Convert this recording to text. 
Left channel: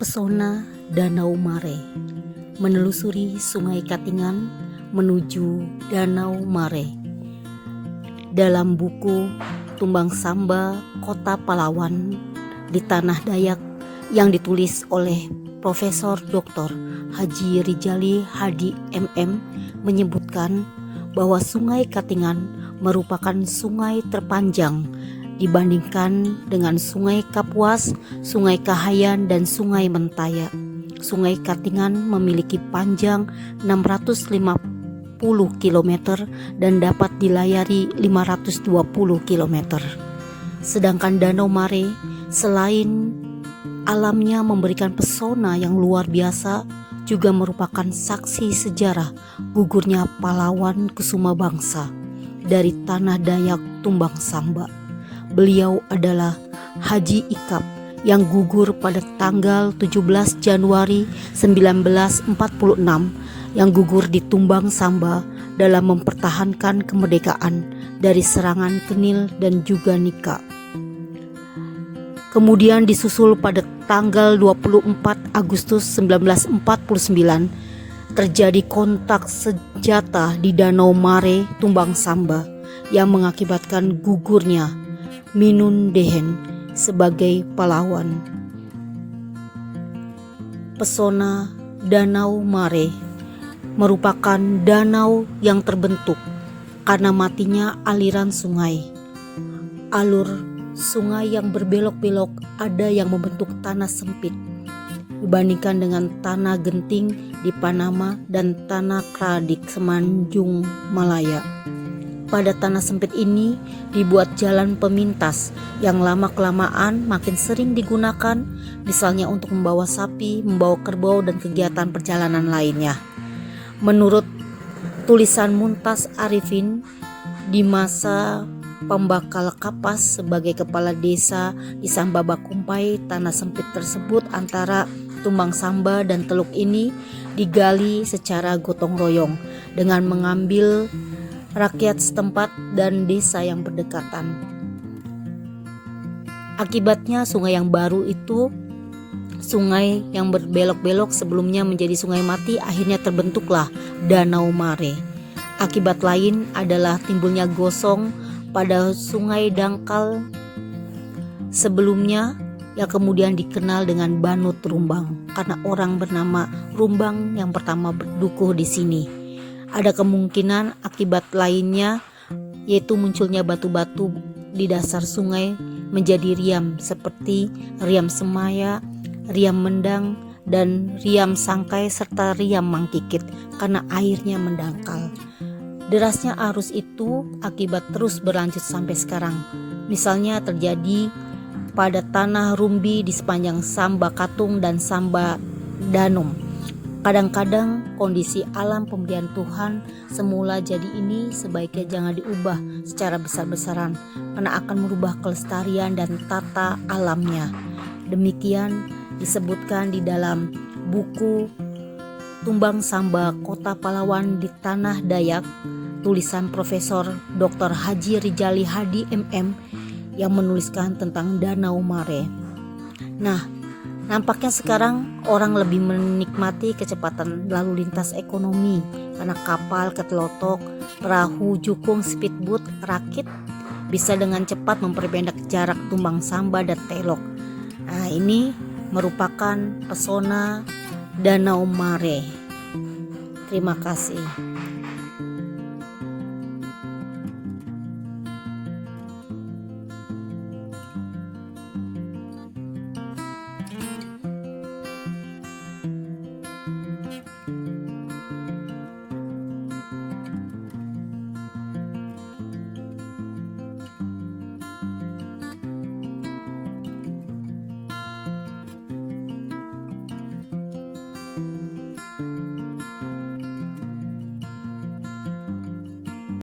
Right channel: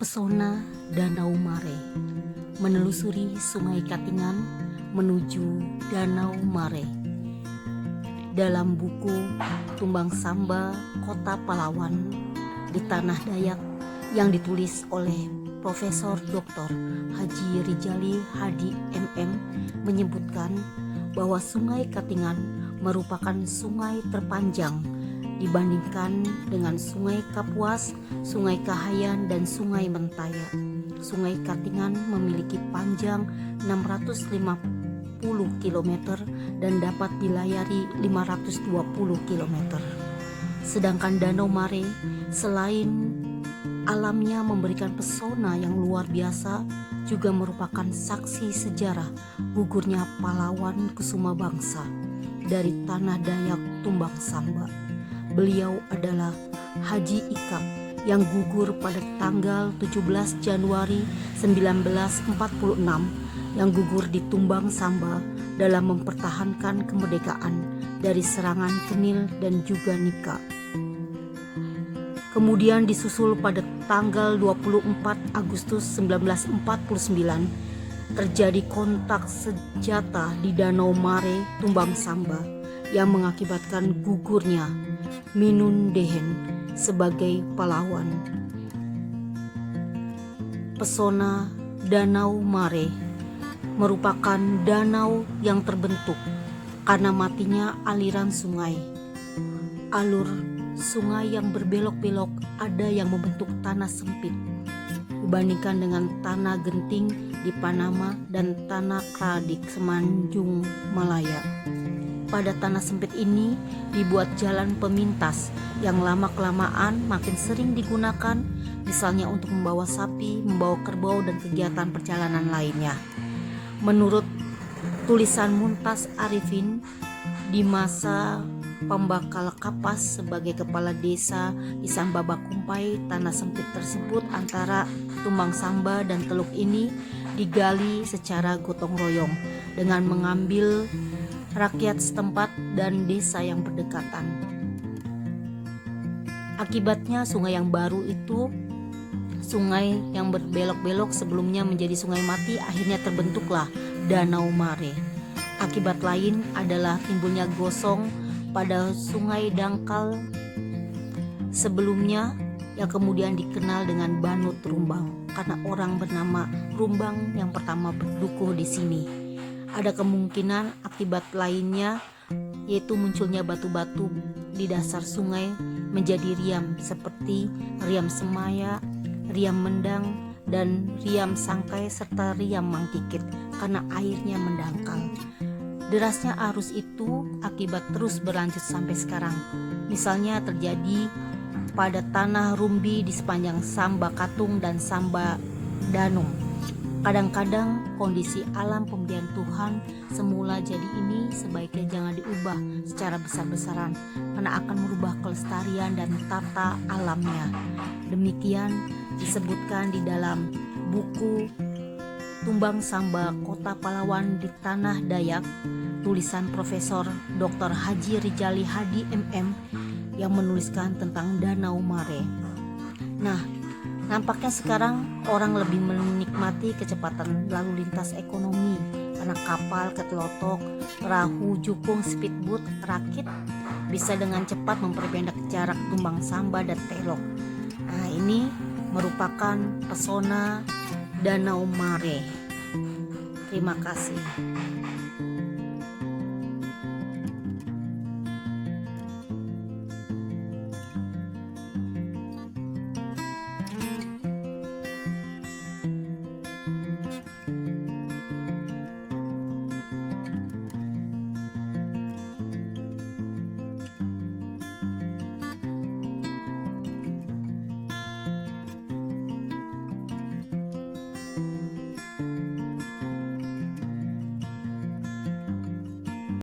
Pesona Danau Mare, menelusuri Sungai Katingan menuju Danau Mare. Dalam buku Tumbang Samba Kota Pahlawan di Tanah Dayak yang ditulis oleh Profesor Dr. Haji Rijali Hadi MM menyebutkan bahwa Sungai Katingan merupakan sungai terpanjang dibandingkan dengan Sungai Kapuas, Sungai Kahayan, dan Sungai Mentaya. Sungai Katingan memiliki panjang 650 km dan dapat dilayari 520 km. Sedangkan Danau Mare selain alamnya memberikan pesona yang luar biasa, juga merupakan saksi sejarah gugurnya pahlawan Kusuma Bangsa dari Tanah Dayak Tumbang Samba. Beliau adalah Haji Ikap yang gugur pada tanggal 17 Januari 1946 yang gugur di Tumbang Samba dalam mempertahankan kemerdekaan dari serangan Kenil dan juga Nika. Kemudian disusul pada tanggal 24 Agustus 1949 terjadi kontak senjata di Danau Mare Tumbang Samba yang mengakibatkan gugurnya Minun Dehen sebagai pahlawan. Pesona Danau Mare merupakan danau yang terbentuk karena matinya aliran sungai. Alur sungai yang berbelok-belok ada yang membentuk tanah sempit dibandingkan dengan tanah genting di Panama dan tanah Kradik Semenanjung Malaya. Pada tanah sempit ini dibuat jalan pemintas yang lama-kelamaan makin sering digunakan, misalnya untuk membawa sapi, membawa kerbau, dan kegiatan perjalanan lainnya. Menurut tulisan Muntas Arifin di masa Pembakal Kapas sebagai kepala desa di Samba Bakumpai, tanah sempit tersebut antara Tumbang Samba dan Teluk ini digali secara gotong royong dengan mengambil rakyat setempat dan desa yang berdekatan. Akibatnya sungai yang baru itu, sungai yang berbelok-belok sebelumnya menjadi sungai mati, akhirnya terbentuklah Danau Mare. Akibat lain adalah timbulnya gosong pada Sungai Dangkal sebelumnya yang kemudian dikenal dengan Banut Rumbang karena orang bernama Rumbang yang pertama berdukuh di sini. Ada kemungkinan akibat lainnya yaitu munculnya batu-batu di dasar sungai menjadi riam seperti riam Semaya, riam Mendang, dan riam Sangkai serta riam Mangkikit karena airnya mendangkal. Derasnya arus itu akibat terus berlanjut sampai sekarang. Misalnya terjadi pada tanah Rumbi di sepanjang Samba Katung dan Samba Danum. Kadang-kadang kondisi alam pemberian Tuhan semula jadi ini sebaiknya jangan diubah secara besar-besaran karena akan merubah kelestarian dan tata alamnya. Demikian disebutkan di dalam buku Tumbang Samba Kota Pahlawan di Tanah Dayak tulisan Profesor Dr. Haji Rijali Hadi MM yang menuliskan tentang Danau Mare. Nah, nampaknya sekarang orang lebih menikmati kecepatan lalu lintas ekonomi karena kapal ketelotok, perahu, jukung, speedboat, rakit bisa dengan cepat memperpendek jarak Tumbang Samba dan Telok. Nah, ini merupakan pesona Danau Mare. Terima kasih.